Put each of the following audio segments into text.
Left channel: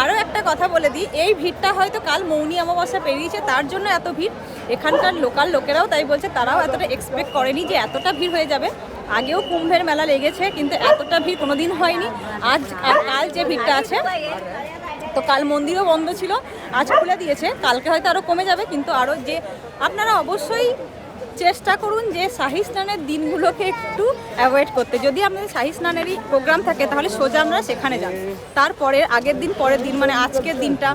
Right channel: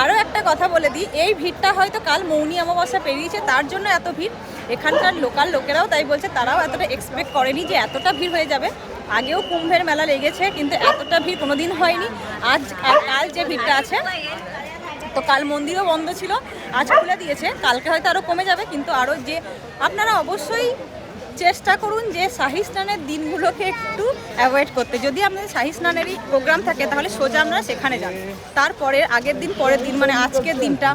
আরও একটা কথা বলে দিই, এই ভিড়টা হয়তো কাল মৌনি অমাবস্যা পেরিয়েছে, তার জন্য এত ভিড়। এখানকার লোকাল লোকেরাও তাই বলছে, তারাও এতটা এক্সপেক্ট করেনি যে এতটা ভিড় হয়ে যাবে। আগেও কুম্ভের মেলা লেগেছে, কিন্তু এতটা ভিড় কোনোদিন হয়নি। আজ, আর কাল যে ভিড়টা আছে, তো কাল মন্দিরও বন্ধ ছিল, আজ খুলে দিয়েছে। কালকে হয়তো আরও কমে যাবে, কিন্তু আরও যে, আপনারা অবশ্যই চেষ্টা করুন যে শাহি স্নানের দিনগুলোকে একটু অ্যাভয়েড করতে। যদি আপনাদের শাহি স্নানেরই প্রোগ্রাম থাকে, তাহলে সোজা আমরা সেখানে যান। তারপরে আগের দিন, পরের দিন মানে আজকের দিনটা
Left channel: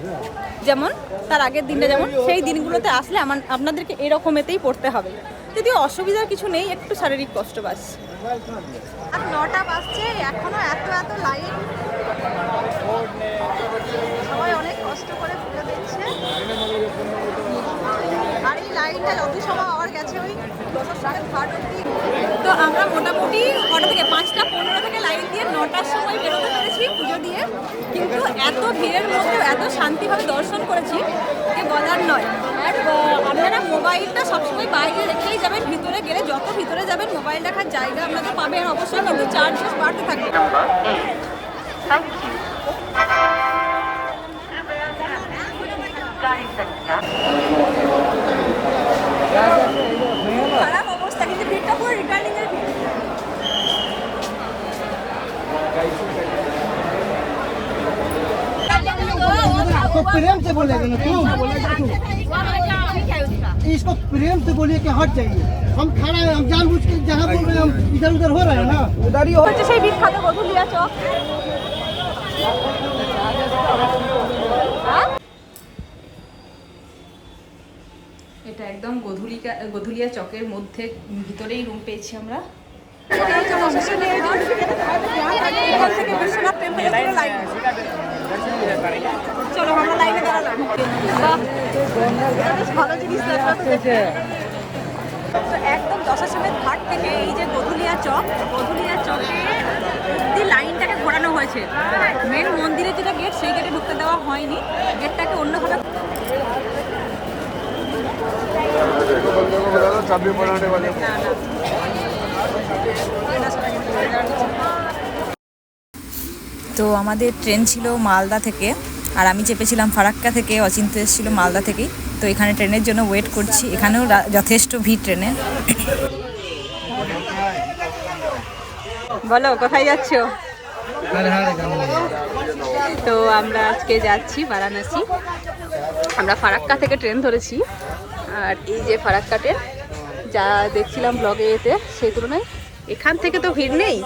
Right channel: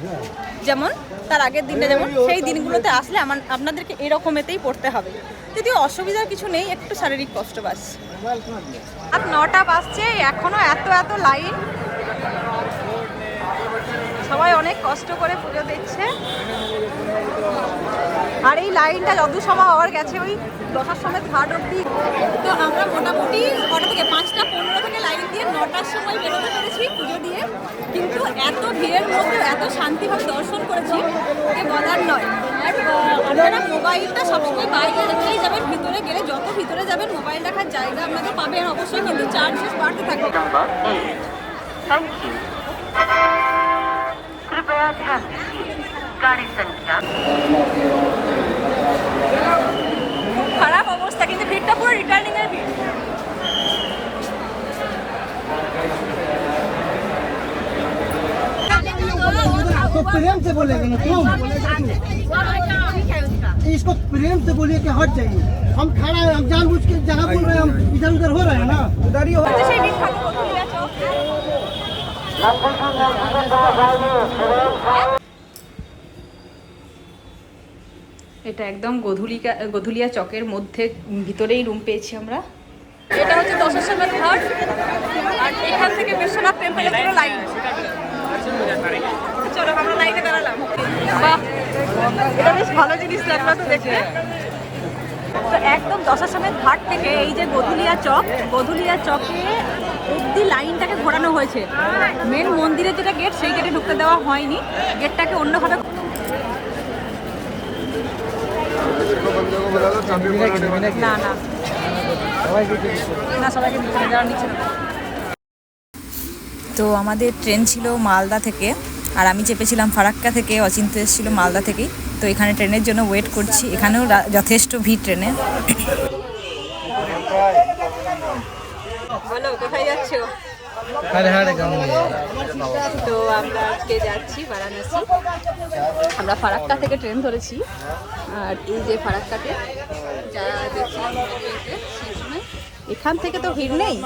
যেমন, তার আগের দিনটা যেমন, সেই দিনগুলোতে আসলে আমার, আপনাদেরকে এরকমেতেই পড়তে হবে। যদি অসুবিধার কিছু নেই, একটু শারীরিক কষ্ট বাস। আর নটা বাজছে এখনও এত এত লাইন সবাই অনেক কষ্ট করে পুজো দেখছে। আর এই লাইনটা যত সময় হওয়ার গেছে ওই দশটার সময় ঘাট অব্দি তো আমরা মোটামুটি কটা থেকে? পাঁচটা পনেরো থেকে লাইন দিয়ে নটার সময় বেরোতে পেরেছি পুজো দিয়ে। কিন্তু এত ভিড়ের মধ্যে এত শান্তিভাবে দর্শন করেছি যে বলার নয়। আর আপনারা মোবাইলটা সবসময় বাইরে রেখেই যাবেন ভিতরে গেলে যত ভিতরে যাবেন মোবাইল রাখার জায়গা আপনাদের পাবেন। অবশ্যই কিন্তু চার্জেস বাড়তে থাকবে। Number 8. Thank you. খারাপ অবস্থা কিন্তু ভিড়টা পুরো রিটার্নিং এর ভিড় इसको प्रेम से बोलेगे ना तुम इसको प्रेम से बोलिए कि हट जाइए हम खड़ा है हम जानबूझ के जहाँ बोल रहे हैं हम इधर उधर हो रहे हैं ना उधर ही हो সেই ভিড় এটা একদম গধুলিকা, গধুলিয়া চকের মধ্যে, ভিতরেই রুম পেয়েছি আমরা। এটা হচ্ছে ঘাট, আর লাইন বাহ, এটা বেশ ভালো জিনিস তো একদম ঘাট থেকে এই যে গধুলিয়া চক, গধুলিয়া চকে অব্দি লাইনটাকে ঘোরানো হয়েছে। মেন মন্দিরের যেটা গেট সেই গেটে ঢুকতে দেওয়া হয়নি। গেটটাকে অন্যভাবে তো আমাদের ট্রেন ছিল মালদা থেকে, আর আমি চেপেছিলাম ফারাক্কা থেকে অচিন্ত এসেছিল মালদা থেকেই। তো এখানে ট্রেনের জন্য ওয়েট করছি। এখানেও যথেষ্ট ভিড় ট্রেনে। বলো, কোথায় যাচ্ছো? তো আমরা আজকে যাচ্ছি বারাণসী। আমরা ফারাক্কা থেকে ট্রেন ধরেছি। আর এই যে ফারাক্কা ট্রেন, যা দেখছিলাম ব্লগে এতে সেই তুলনায় এখান থেকে তো ভিড় নেই।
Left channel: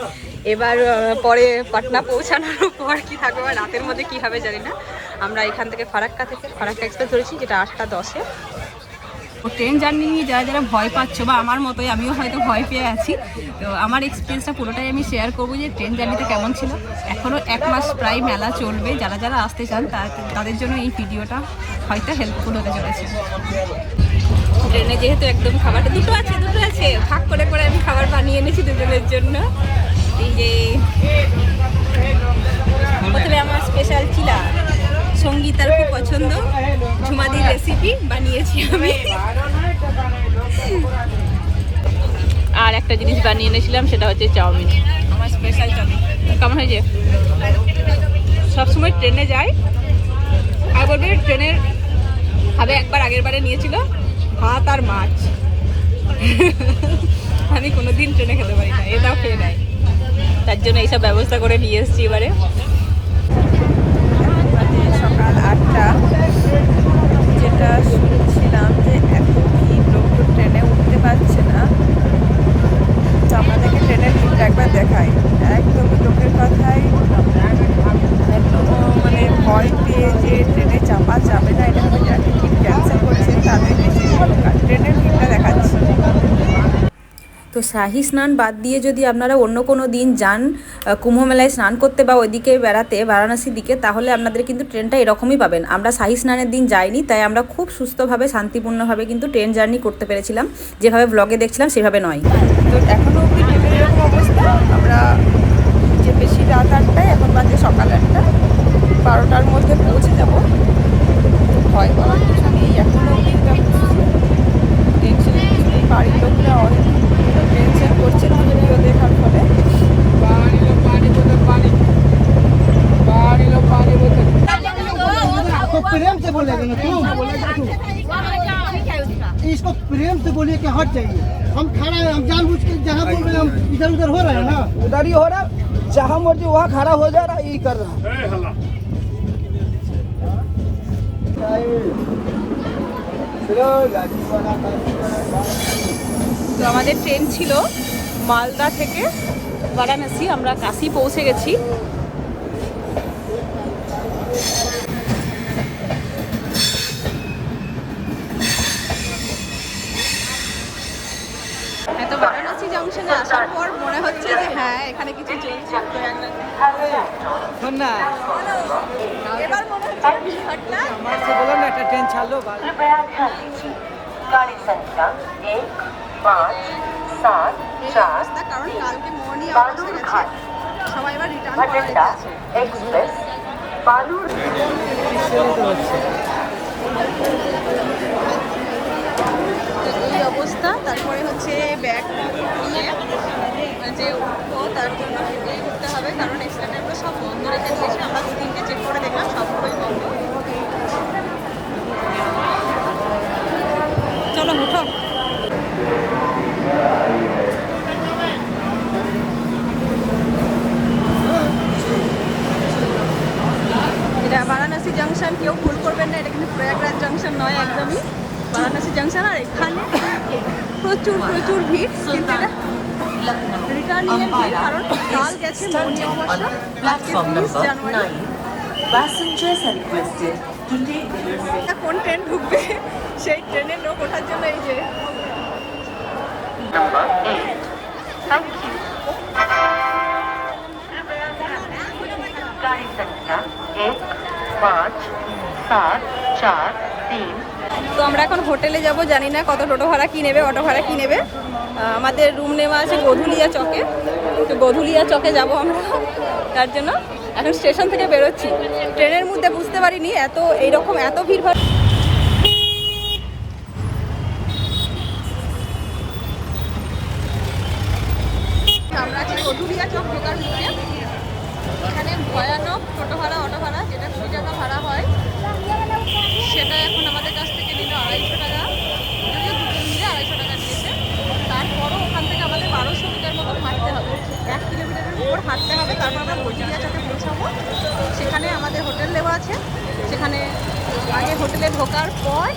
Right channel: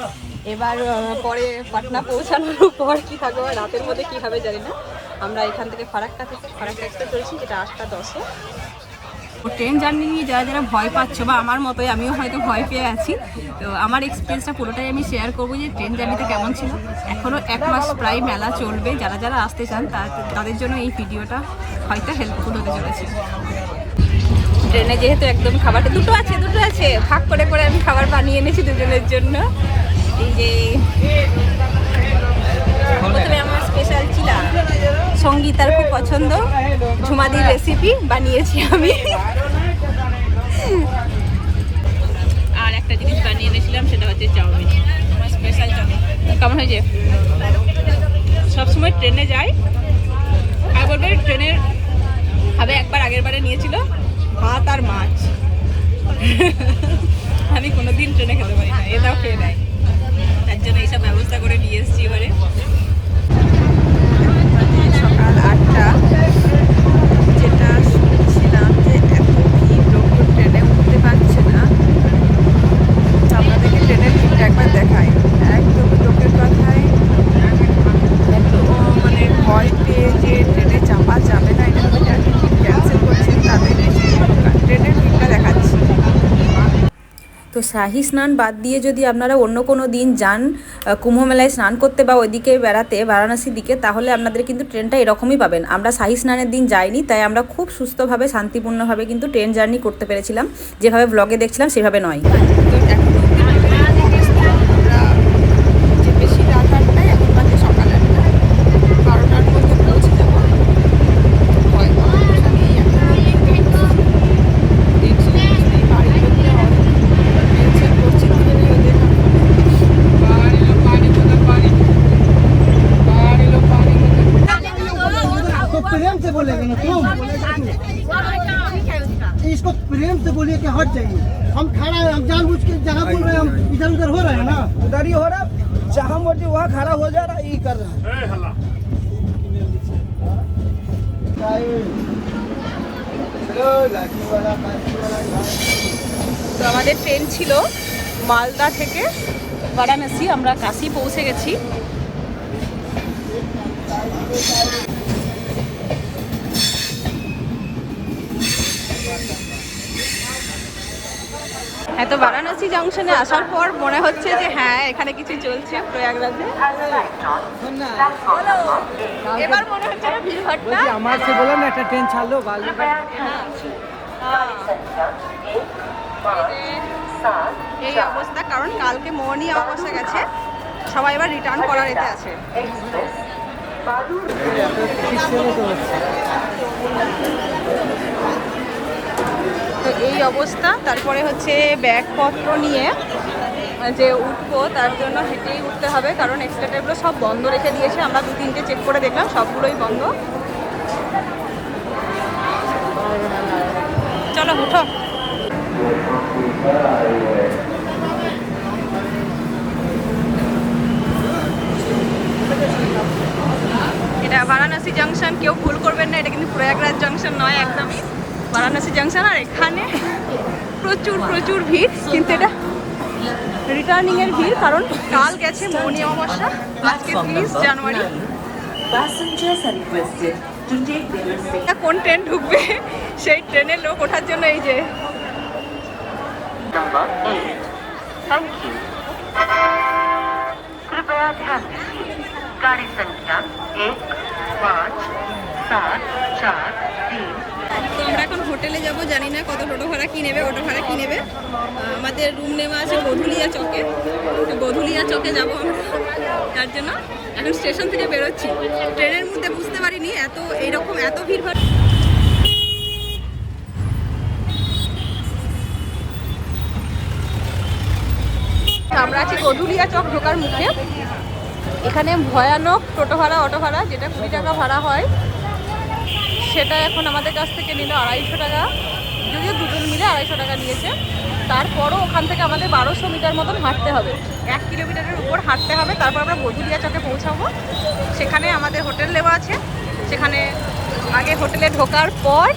এবার পরে পাটনা পৌঁছানোর পর কি থাকবে রাতের মধ্যে কি হবে জানি না। আমরা এখান থেকে ফারাক্কা থেকে, ফারাক্কা এক্সপ্রেস ধরেছি, যেটা আটটা দশে। ট্রেন জার্নি নিয়ে যারা যারা ভয় পাচ্ছ বা আমার মতোই আমিও হয়তো ভয় পেয়ে আছি। তো আমার এক্সপিরিয়েন্সটা পুরোটাই আমি শেয়ার করব যে ট্রেন জার্নিটা কেমন ছিল। এখনও এক মাস প্রায় মেলা চলবে। যারা যারা আসতে চান তা- তাদের জন্য এই ভিডিওটা হয়তো হেল্পফুল হতে চলেছে। ট্রেনে যেহেতু একদম খাবারটা দুটো আছে দুটো আছে। ভাগ করে করে আমি খাবার বানিয়ে এনেছি দুজনের জন্য। এই যে সঙ্গীতার খুব পছন্দ। ঝুমাদির রেসিপি বানিয়েছি আমি। আর একটা জিনিস বানিয়ে এনেছিলাম সেটা হচ্ছে চাউমিন। আমার স্পেশাল চাউমিন। কেমন হয়েছে? সবসময় ট্রেনে যাই আর বলবে ট্রেনের ভাবে একবার আগের বারে নিয়েছিল ভাত আর মাছ। আমি কোনোদিন ট্রেনে খেতে পারি না এটাও খেয়ে নেয়। তার জন্য এইসব ব্যবস্থা করে নিয়ে এসেছি এবারে সকাল আটটা যেটা শুনছিলাম যে এত ভিড় লোকজন ট্রেনে উঠতে পারছে না তো আপনাদেরকে ট্রেনের ভিড়টা একবার দেখাই একদমই লোকের কথায় এত মানে ভয় পেয়ে যে ট্রেনে চাপা যাবে না এটা হবে যারা টিকিট ক্যান্সেল করছে তাদের ট্রেনের ভিড়টা দেখাচ্ছি তো শাহি স্নান বাদ দিয়ে যদি আপনারা অন্য কোনো দিন যান কুম্ভমেলায় স্নান করতে বা ওইদিকে বেড়াতে, বারাণসীর দিকে, তাহলে আপনাদের কিন্তু ট্রেনটা এরকমই পাবেন। আমরা শাহি স্নানের দিন যাইনি, তাই আমরা খুব সুস্থভাবে, শান্তিপূর্ণভাবে কিন্তু ট্রেন জার্নি করতে পেরেছিলাম। যেভাবে ব্লগে দেখছিলাম, সেভাবে নয়। তো এখনও আমরা যে বেশি রাত আটটায় इधर उधर हो रहे हैं ना उधर ही हो रहा जहाँ मर्जी वहाँ खड़ा हो जा रहा यही कर रहा हूँ তো আমাদের ট্রেন ছিল মালদা থেকে বারাণসী আমরা কাশি পৌঁছে গেছি হ্যাঁ তো বারাণসী জংশনে আসার পর মনে হচ্ছে যে হ্যাঁ এখানে কিছু চলছে প্রয়াগরাজে এবার মনে হচ্ছে ভিড় এই অবস্থা কারণ কালকে মর্নিং হয়ে গেছে সবাই এবার রিটার্ন করা নিতে আছে বালুর এই অবস্থা। তারপরে হচ্ছে ব্যাগপত্র নিয়ে যে উঠবো, তার জন্য হেঁটেই উঠতে হবে, কারণ এক্সট্রা ট্যাবগুলো সব বন্ধ রেখে দিয়েছে। আমরা দু তিনটে চেক করে দেখলাম, সবগুলোই বন্ধ। চলো, উঠো। এটা বারাণসী জাংশন কেউ ভুল করবেন না, এটা কিন্তু প্রয়াগরাজ জাংশন নয়, একদমই। বারাণসী জাংশন আর এখানে প্রচুর প্রচুর ভিড় কিন্তু এটা রিটার্নিং এর ভিড় কারণ কাল গেছে মৌনি অমাবস্যা আজকে তিরিশ জানুয়ারি কোন ট্রেন ঢুকবে সেই ট্রেনের লোক ওঠার জন্য এই যে eight. এখন হোটেলে যাব, জানি না কত টোটো ভাড়া কি নেবে, অটো ভাড়া কি নেবে। আমাদের রুম নেওয়া আছে গধুলিয়া চকে। তো গধুলিয়া চকে যাব আমরা। তার জন্য এখন স্টেশন থেকে বেরোচ্ছি। ট্রেনের মধ্যে বুঝতে পারিনি, এত, এইরকম এত ভিড় ভাড় আমরা আছি গধুলিয়া চক ঢোকার মুখে। এখানে ভয়ানক টোটো ভাড়া, অটো ভাড়া, যেটা কুড়ি টাকা ভাড়া হয়। সেটা এখন আমাদের কাছ থেকে নিল আড়াইশো টাকা। যদিও দুজন মিলে আড়াইশো টাকা নিয়েছে। তারপরও ওখান থেকে আমাদের বারোশো মিটার মতন হাঁটতে হবে। এক কিলোমিটারের উপর হাঁটতে হবে। তারপর আমরা বজুরিয়া চকে পৌঁছাবো। সেখানে আমাদের হোটেল দেওয়া আছে। সেখানে আগে হোটেলে ঢোকার পর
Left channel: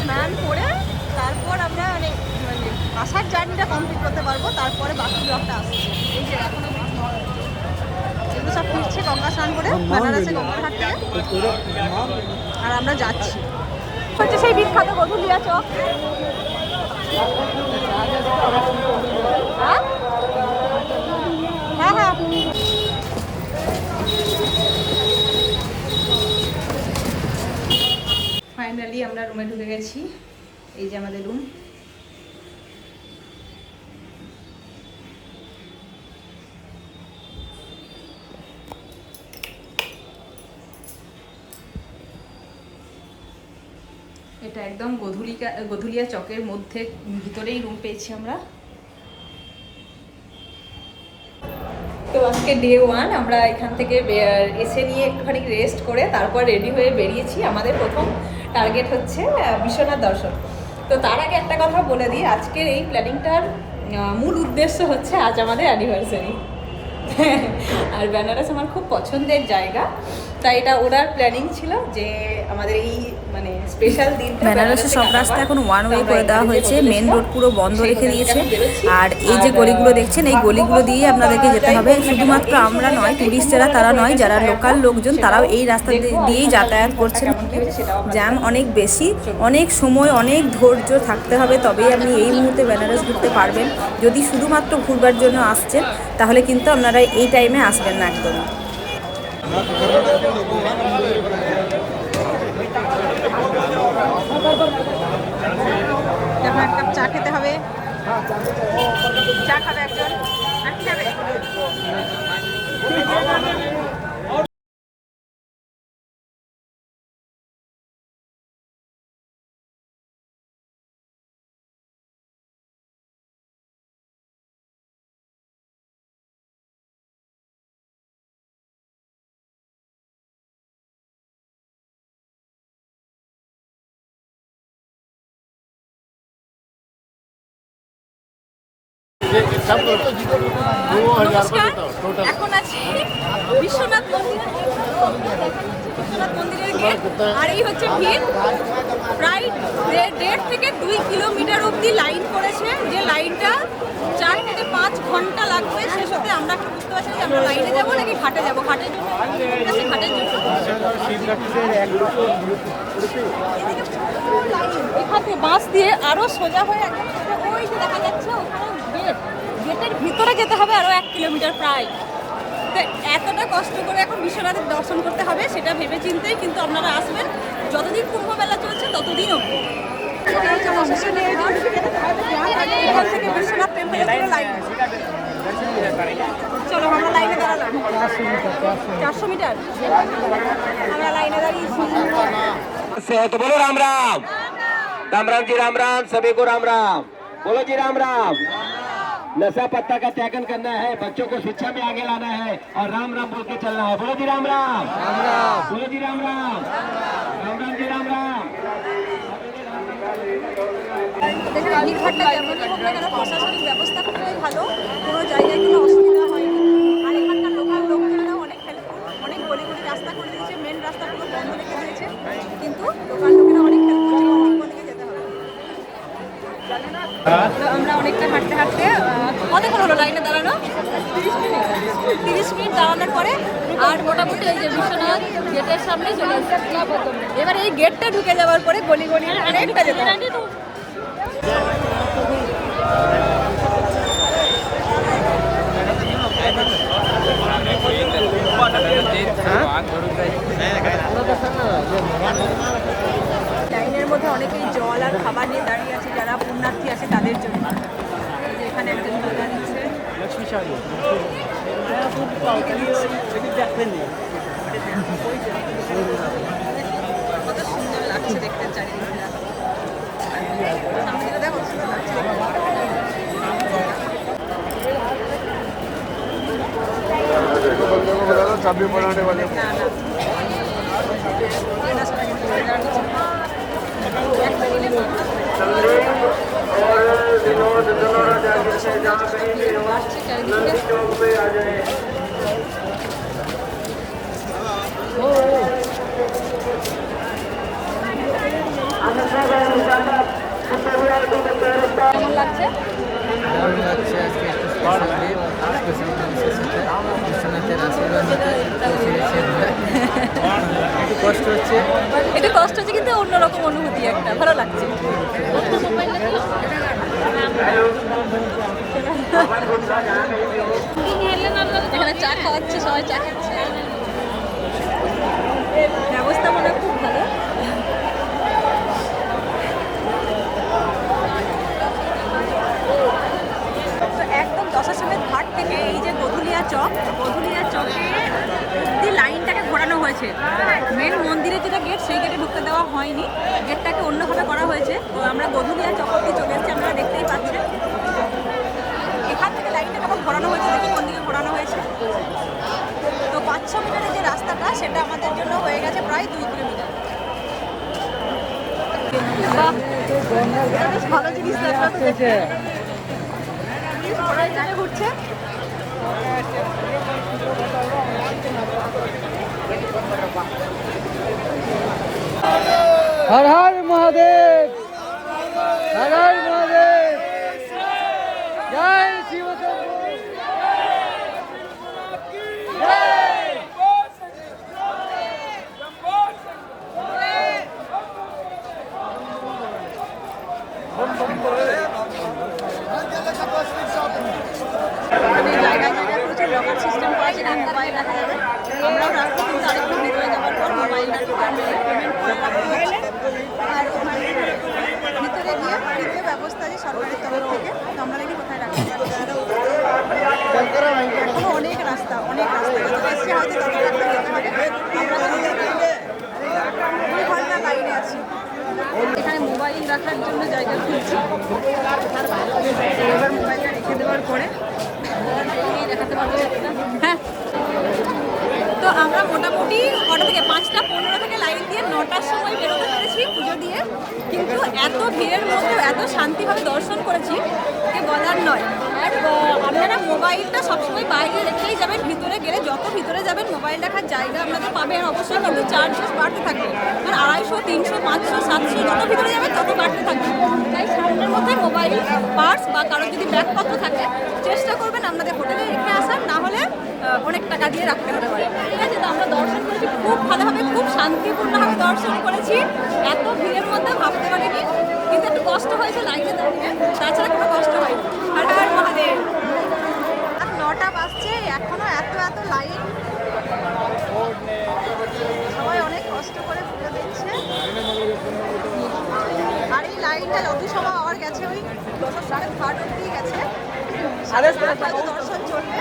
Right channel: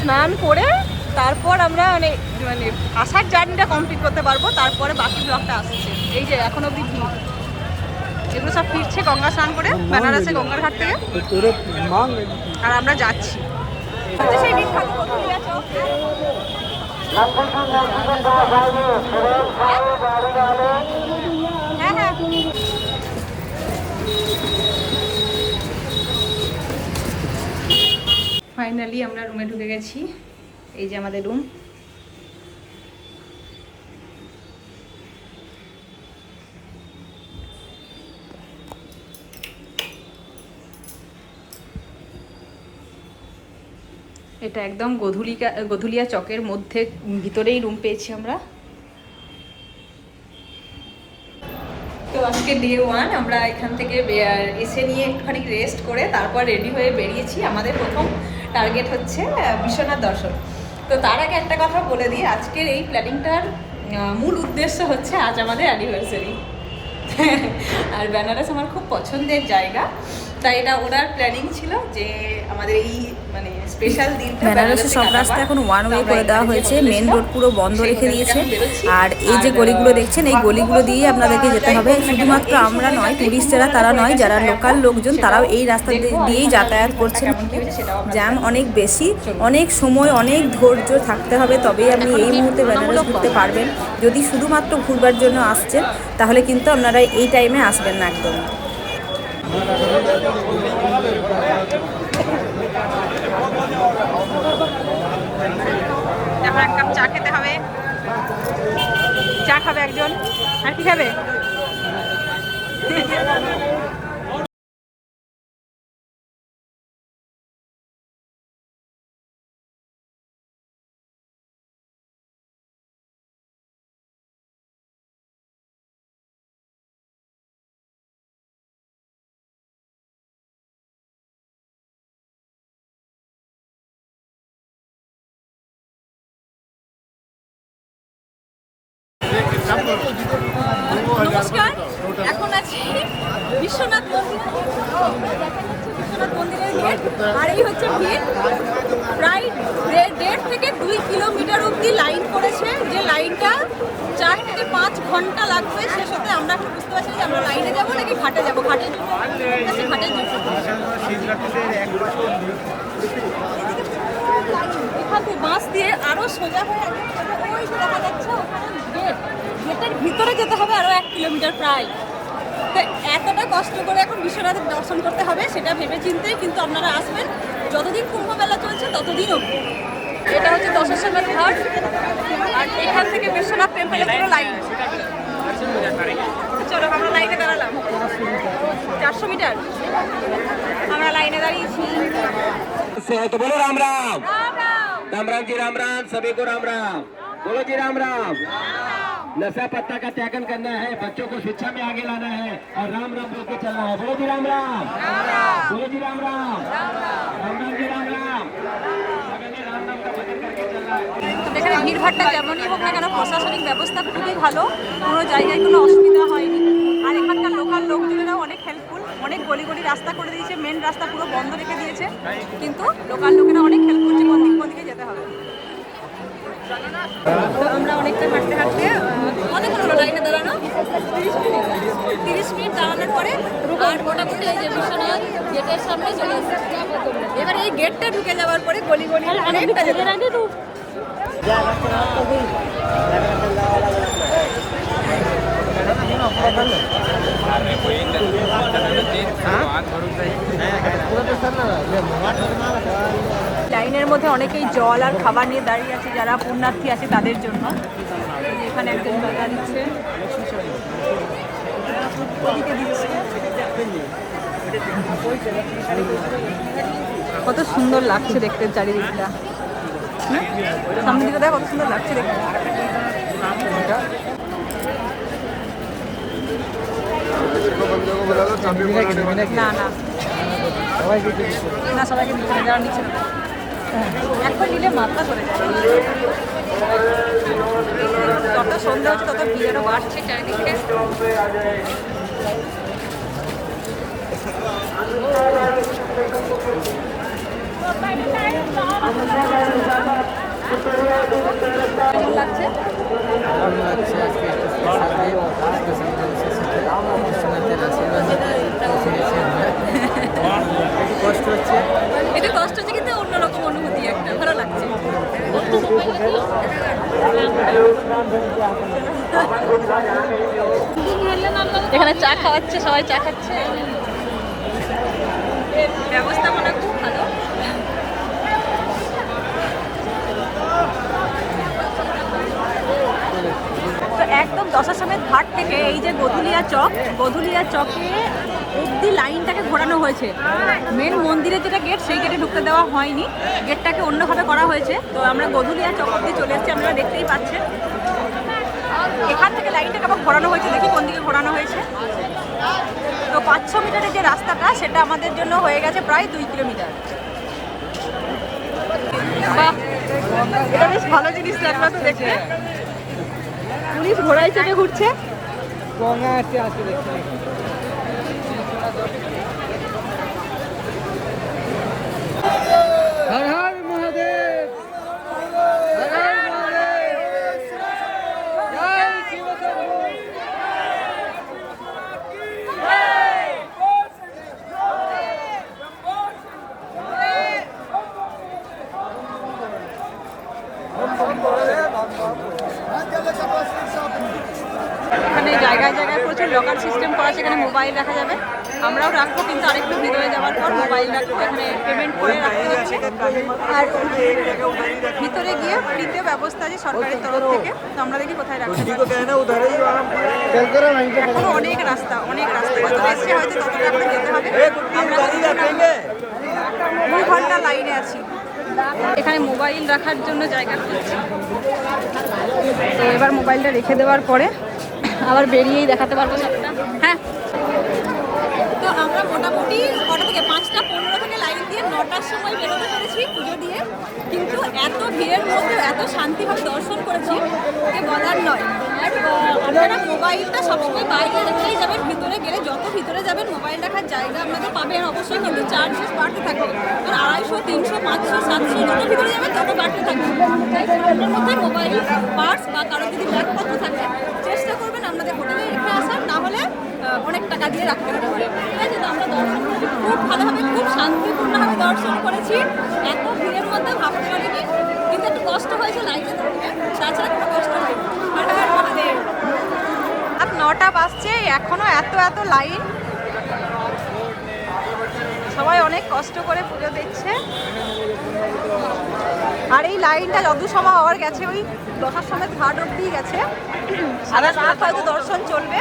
স্নান করে তারপর আমরা মানে মানে আসার জার্নিটা কমপ্লিট করতে পারব। তারপরে বাকি ব্লকটা আসছে। এই যে এখনও অব্দি এগুলো সব ফিরছে গঙ্গা স্নান করে। বেনারসে গঙ্গার ঘাট থেকে। আর আমরা যাচ্ছি। ফাইনালি আমরা রুমে ঢুকে গেছি। এই যে আমাদের রুম এটা একদম গধুলিকা, গধুলিয়া চকের মধ্যে, ভিতরেই রুম পেয়েছি আমরা। তো আজকে ডে ওয়ান আমরা এখান থেকে এসে নিয়ে একটুখানি রেস্ট করে তারপর রেডি হয়ে বেরিয়েছি। আমাদের প্রথম টার্গেট হচ্ছে বিশ্বনাথ দর্শন। তো তার আগে একটা কথা বলে দিই, আজকের এই প্ল্যানিংটার মূল উদ্দেশ্য হচ্ছে আজ আমাদের অ্যানিভার্সারি আর বেনারস আমার খুব পছন্দের জায়গা। তাই এটা ওনার প্ল্যানিং ছিল যে আমাদের এই মানে স্পেশাল বেনারসের সব রাস্তা এখন ওয়ান ওয়ে করে দেওয়া হয়েছে মেন রোড পুরো বন্ধ রেখে দিয়েছে। আর এই যে গলিগুলো দেখছেন এই গলিগুলো দিয়েই আপনাদেরকে যেতে হবে। শুধুমাত্র আমরা নয় টুরিস্টেরা তারা নয় যারা লোকাল লোকজন তারাও এই রাস্তা দিয়েই যাতায়াত করছেন। জ্যাম অনেক বেশি অনেক সময় অনেক ধৈর্য থাকতে হবে তবেই আপনি এই মুহূর্তে বেনারস ঘুরতে পারবেন। যদি শুধুমাত্র ঘুরবার জন্য আসছেন তাহলে কিন্তু আপনারা এই টাইমে আসবেন না একদমই আপনার এক কাপ চা খেতে হবে চা খাবে একজন আর নমস্কার, এখন আছি বিশ্বনাথ মন্দির। বিশ্বনাথ মন্দিরের গেট আর এই হচ্ছে ভিড়। প্রায় দেড় থেকে দুই কিলোমিটার অবধি লাইন করেছে। যে লাইনটা চার থেকে পাঁচ ঘণ্টা লাগবে শেষ হতে আমরা এখন বুঝতে পারছি যে আমরা লাইনে যাব নাকি ঘাটে যাব? ঘাটের জন্য ঘাটের জন্য। এখান থেকে বাস দিয়ে আরও সোজা হয়ে একদম ওই যে দেখা যাচ্ছে, ওখানে গেট। গেটের ভিতরে যেতে হবে আরও এক কিলোমিটার প্রায়। তো এতটা কষ্ট করে এখন বিশ্বনাথের দর্শন করতে হবে, সেটা ভেবে চিন্তেই কিন্তু আপনারা আসবেন। যতদিন কুম্ভ মেলা চলছে, ততদিন অবধি। এটা হচ্ছে দশাশ্বমেধ ঘাট আর এখান থেকে বিশ্বনাথ টেম্পলের পুরো লাইন চলো আমরা লাইনে দাঁড়ালাম চারশো মিটার আমরা লাইনে দাঁড়িয়েছি से है तो बोलो राम राम राम राम जी राम राम सभी को राम राम बोलो जी राम राम नशा पत्ता का त्यागन करना है बच्चों को शिक्षा में आगे लाना है और राम राम बोल के चलना है बोलो जी राम राम बोलो जी राम राम राम राम जी राम राम তো এখানে ভিড়ভাড়টা যেমনই হোক না কেন, প্রশাসনিক ব্যবস্থা খুবই ভালো। কোনো জায়গায় কোনো অসুবিধা হয়নি। আর এখানকার লোকাল লোকজনেরাও অনেক হেল্পফুল অনেক গলি গলি রাস্তা করে দিয়েছে মেন রাস্তা পুরো বন্ধ রেখে দিয়েছে। কিন্তু লোকাল লোকেরা অনেক হেল্প করছে কোন দিক দিকে যেতে হবে। তো আমরা অনেকটা হাঁটতে হাঁটতে কতক্ষণ হলো লাইনে দাঁড়ানো? তিরিশ মিনিট। তিরিশ মিনিট দাঁড়ানোর পরে আর এবার এই গেটটা ঢুকে যাওয়ার পরে গলি গলি অনেকটা যেতে হবে। লাইনের মধ্যে অনেকেই জল আর খাবার নিয়ে দাঁড়িয়ে আছে, যারা পুণ্যার্থী আছে তাদের জন্য এখানে একজন দিচ্ছে কত সুন্দর লাগছে দেখতে চারিদিকটা? সামনে দিকে দেখ কত সুন্দর লাগছে না না। করে যায়। কত সন্ধ্যা চারিদিকে। কেমন লাগছে? দারুণ লাগছে আজকে একটু স্পেশাল দিন স্পেশাল মানুষের সাথে বিশ্বনাথের আশীর্বাদ নিতে পৌঁছে আমরা। একটু কষ্ট হচ্ছে। একটু কষ্ট হচ্ছে কিন্তু অন্যরকম অনুভূতি একটা ভালো লাগছে। এখানে চা খাওয়াচ্ছে সবাই চা খাচ্ছে। ব্যবস্থাপনা খুব ভালো তো একদম দশাশ্রমের ঘাট থেকে এই যে গধুলিয়া চক, গধুলিয়া চকে অব্দি লাইনটাকে ঘোরানো হয়েছে। মেন মন্দিরের যেটা গেট সেই গেটে ঢুকতে দেওয়া হয়নি। গেটটাকে অন্যভাবে করা হয়েছে। তো আমরা গধুলিয়া চক অব্দি চলে এসেছি, আপনারা দেখতেই পাচ্ছেন। এখান থেকে লাইনটাকে আবার ঘোরানো হয়েছে, দেখি কোন দিকে ঘোরানো হয়েছে। তো পাঁচশো মিটারের যে রাস্তাটা, সেটা আমাদের জন্য হয়ে গেছে প্রায় দুই কিলোমিটার। বাহ, এটা বেশ ভালো জিনিস লাগল তো দেখতে। পুলিশ ঘোড়া হিসেবে ঘুরছে। হ্যাঁ হর মহাদেব হর হর মহাদেব জয় শিব এখানে জায়গায় জায়গায় প্রচুর লকার সিস্টেম করা সেখানে মোবাইল রাখা যাবে আমরাও রাখব কিন্তু আরেকটু ভিতরে যাওয়ার পর মোবাইল রাখব এখানে পেমেন্ট করে রাখতে হচ্ছে আর ভিতরে গিয়ে ফ্রিতে ব্যবস্থা আছে সরকারের তরফ থেকে তো আমরা দেখি কোথায় রাখতে পারছি এখনও অনেক রাস্তা অনেক রাস্তা এসছে হয়তো ততটা করে যেতে হবে। আমরা দুই ঘণ্টা লাইনে আছি। এখানে মোবাইল রাখার জন্য জায়গা খুঁজছি। এবার মোবাইলটা রেখে দেওয়ার পরে আবার বেরিয়েই দেখাতে পারব হ্যাঁ। তো আমরা মোটামুটি কটা থেকে? পাঁচটা, পনেরো থেকে লাইন দিয়ে নটার সময় বেরোতে পেরেছি পুজো দিয়ে। কিন্তু এত ভিড়ের মধ্যে এত শান্তিভাবে দর্শন করেছি যে বলার নয়। আর আপনারা মোবাইলটা সবসময় বাইরে রেখেই যাবেন, ভিতরে গেলে যত ভিতরে যাবেন, মোবাইল রাখার জায়গা আপনাদের পাবেন। অবশ্যই কিন্তু চার্জেস বাড়তে থাকবে। আর আড়াইশো, তিনশো, পাঁচশো, সাতশো, যত ভিতরে যাবেন, তত বাড়তে থাকবে। তাই সামনের মধ্যে মোবাইল পার্স বা কারও যদি ব্যাগপত্র থাকে, চেষ্টা করবেন আপনাদের হোটেলে রেখে আসার। না হলে অনেক টাকা দিয়ে রাখতে হতে পারে। ঠিক আছে, তো আমরা দর্শন করেছি। খুব ভালোভাবে খুব শান্তিপূর্ণভাবে দর্শন করেছি। এত ভিড়ের মধ্যে ভাবতে পারিনি। কিন্তু একটু কষ্ট হয়েছে লাইনে দাঁড়িয়ে। তাছাড়া কোনো কষ্ট হয়নি। হর হর মহাদেব। আর নটা বাজছে এখনও এত এত লাইন। সবাই অনেক কষ্ট করে পুজো দেখছে। আর এই লাইনটা যত সময় হওয়ার গেছে ওই দশার সময় ঘাট অব্দি গেছে। সারা রাত হয়তো দর্শন চলবে।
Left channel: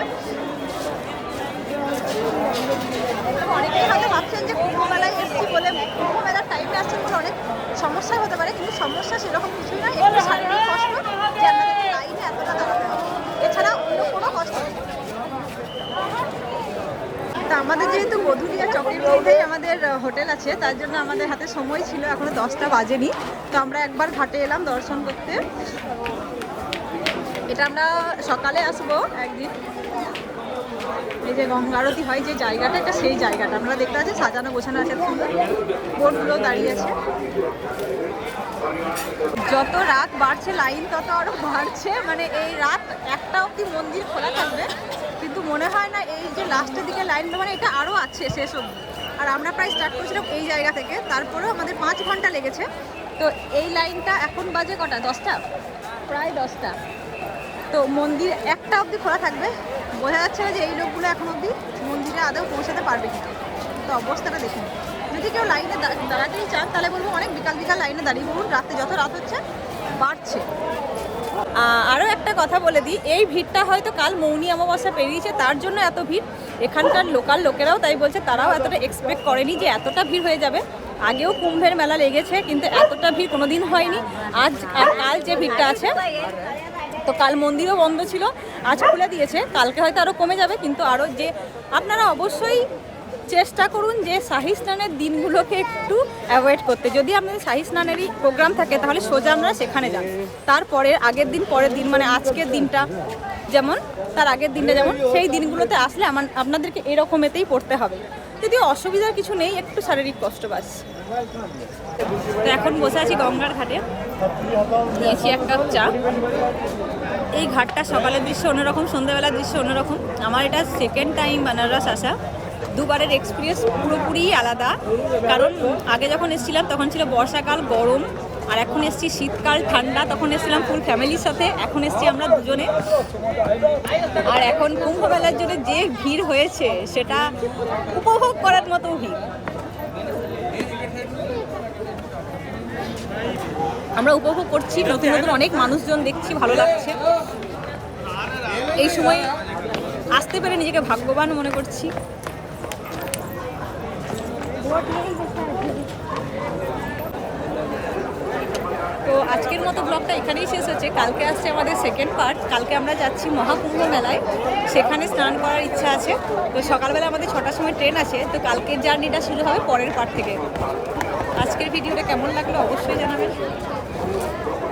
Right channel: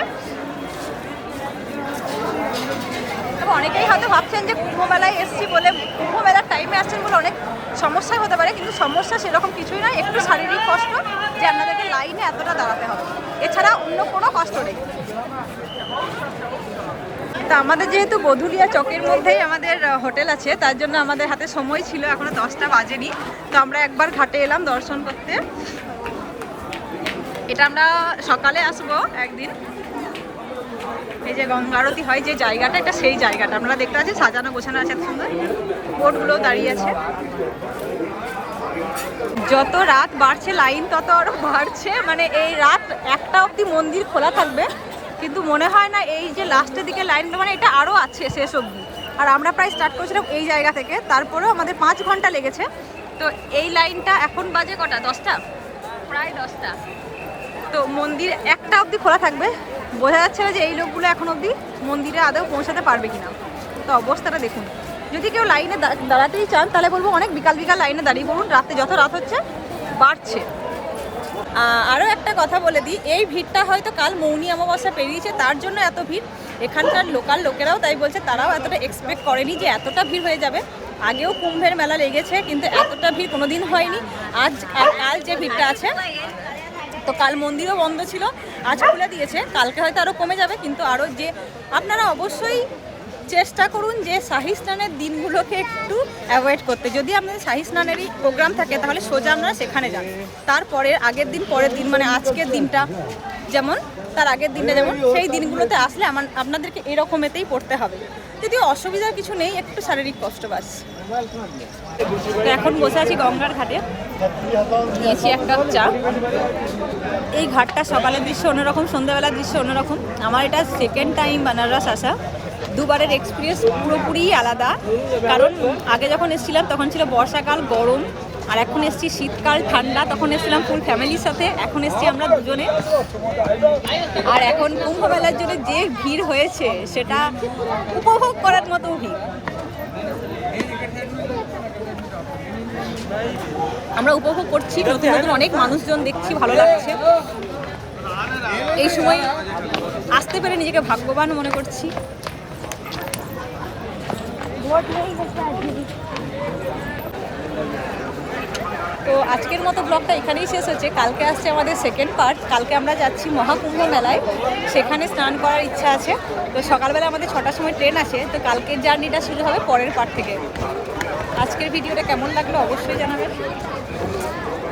অনেকেই হয়তো ভাবছেন যে কুম্ভ মেলায় এসছি বলে কুম্ভ মেলার টাইমে আসছেন বলে অনেক সমস্যা হতে পারে, কিন্তু সমস্যা সেরকম কিছুই নয়। একটু শারীরিক কষ্ট যে আপনাদেরকে লাইনে এতটা দাঁড়াতে হবে। এছাড়া অন্য কোনো কষ্ট নেই। তা আমাদের যেহেতু বধুলিয়া চকের মধ্যেই আমাদের হোটেল আছে, তার জন্য আমাদের হাতে সময় ছিল, এখনও দশটা বাজেনি। তো আমরা একবার ঘাটে এলাম দর্শন করতে। এটা আমরা সকালে আসব একদিন। এই যে গঙ্গা আরতি হয় যে জায়গাটা, এটা সেই জায়গাটা। আমরা দেখতে পাচ্ছি সাজানো, গোছানো আছে সুন্দর। বোটগুলো দাঁড়িয়ে আছে। যত রাত বাড়ছে, লাইন তত আরও বাড়ছে। মানে এই রাত একটা অবধি মন্দির খোলা থাকবে, কিন্তু মনে হয় না এই যে লাস্টের দিকে লাইন মানে এটা আরও আছে শেষ অবধি। আর আমরা প্রায় স্টার্ট করেছিলাম এই জায়গা থেকে। তারপরেও আমাদের পাঁচ ঘণ্টা লেগেছে। তো এই লাইনটা এখন বাজে কটা? দশটা? প্রায় দশটা। তো মন্দির একটা অবধি খোলা থাকবে। বোঝা যাচ্ছে না যে এই লোকগুলো এখন অবধি মন্দিরে আদৌ পৌঁছাতে পারবে কিনা। তো অবস্থাটা দেখুন। যদি কেউ লাইনে দাঁড়াতেই চান, তাহলে বলব অনেক বিকাল বিকাল লাইনে দাঁড়িয়ে পড়ুন রাতে যত রাত হচ্ছে বাড়ছে। আরও একটা কথা বলে দিই, এই ভিড়টা হয়তো কাল মৌনি অমাবস্যা পেরিয়েছে, তার জন্য এত ভিড়। এখানকার লোকাল লোকেরাও তাই বলছে, তারাও এতটা এক্সপেক্ট করেনি যে এতটা ভিড় হয়ে যাবে। আগেও কুম্ভের মেলা লেগেছে, কিন্তু এতটা ভিড় কোনোদিন হয়নি। আজ আর কাল যে ভিড়টা আছে তো কাল মন্দিরও বন্ধ ছিল, আজ খুলে দিয়েছে। কালকে হয়তো আরও কমে যাবে, কিন্তু আরও যে আপনারা অবশ্যই চেষ্টা করুন যে শাহি স্নানের দিনগুলোকে একটু অ্যাভয়েড করতে। যদি আপনাদের শাহি স্নানেরই প্রোগ্রাম থাকে, তাহলে সোজা আপনারা সেখানে যান। তারপরে আগের দিন, পরের দিন মানে আজকের দিনটা যেমন, তার আগের দিনটা যেমন, সেই দিনগুলোতে আসলে আমার, আপনাদেরকে এরকমেতেই পড়তে হবে। যদি অসুবিধার কিছু নেই, একটু শারীরিক কষ্ট বাস। এখন বসে আছি গঙ্গার ঘাটে। নিয়েছি এক কাপ চা। এই ঘাটটা সকালের দৃশ্য অন্যরকম, সন্ধ্যাবেলার দৃশ্য অন্যরকম। আমার এটা সেকেন্ড টাইম বানারস আসা। দুবারের এক্সপিরিয়েন্স পুরোপুরি আলাদা। কারণ আগে যখন এসেছিলাম, তখন ছিল বর্ষাকাল, গরম, আর এখন এসছি শীতকাল, ঠান্ডা, তখন এসেছিলাম ফুল ফ্যামিলির সাথে। এখন এসছি আমরা দুজনে। আর এখন কুম্ভ মেলার জন্য যে ভিড় হয়েছে, সেটা উপভোগ করার মতো ভিড়। আমরা উপভোগ করছি, নতুন নতুন অনেক মানুষজন দেখছি, ভালো লাগছে। এই সময় আসতে পেরে নিজেকে ভাগ্যবান মনে করছি। তো আজকের মতো ব্লগটা এখানেই শেষ হচ্ছে। কালকে আসছে আমাদের সেকেন্ড পার্ট কালকে আমরা যাচ্ছি মহাকুম্ভ মেলায়। সেখানে স্নান করার ইচ্ছা আছে। তো সকালবেলা আমাদের ছটার সময় ট্রেন আছে তো কালকের জার্নিটা শুরু হবে পরের পার্ট থেকে। আজকের ভিডিওটা কেমন লাগল অবশ্যই জানাবেন। Thank you.